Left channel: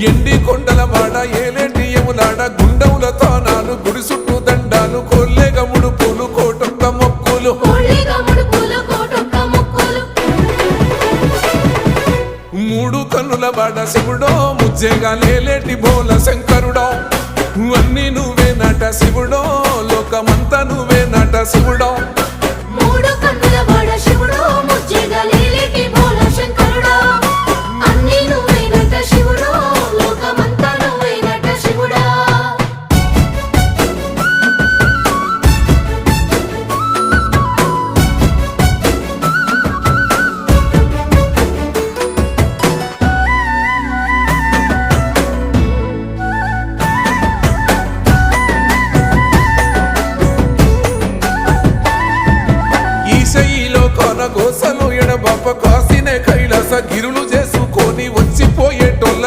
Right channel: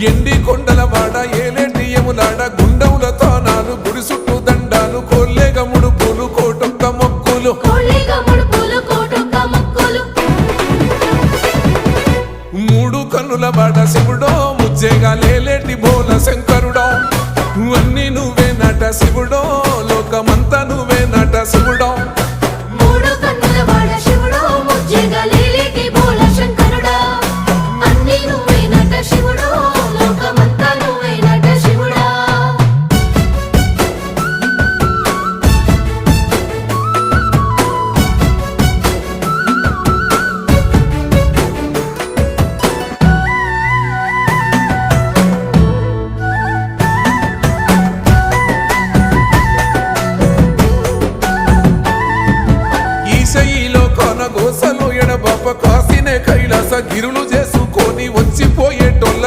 ఎండి కొండలవాడ ఏలేటి యములాడ గుండముల తానాలు గుడి చుట్టూ దండాలు కొల్లేగ ముడుపులు కోటొక్క మొక్కులు మూడు కన్నుల బాట శివుడో ముజ్జేగా లేలేటి బోల శంకరుడో అన్నీ నువ్వే నట శివుడో లోకమంతా నువ్వే నట శివుడో ఈశయిలో కొనగోసలు ఎడబాప కాసినే కైలాస గిరులు చేసుకొని వచ్చిపోయేటోళ్ళ